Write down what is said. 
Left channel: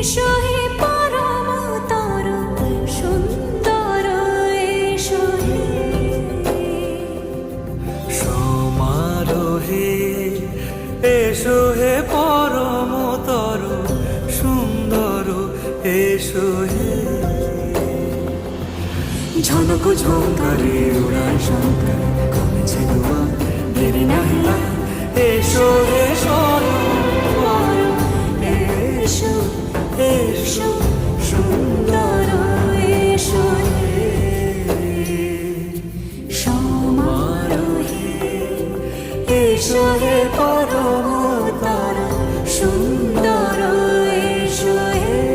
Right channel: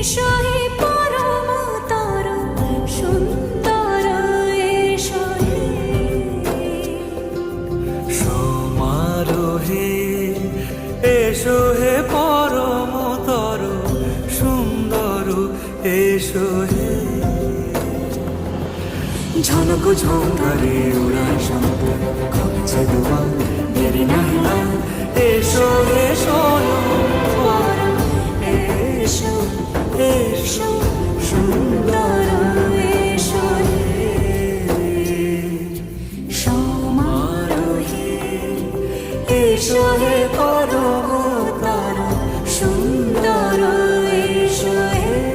এসো হে পরমতর সুন্দর এসো হে সমারোহে এসো হে পরমতর সুন্দর এসো হে ঝনক ঝঙ্কারে উড়ায় শঙ্কার কমেছে দুয়ার দেরি নাহি আর এসো হে স্বয়ং বর এসো এসো সুন্দর এসো হে সমারোহে এসো হে পরমতর সুন্দর এসো হে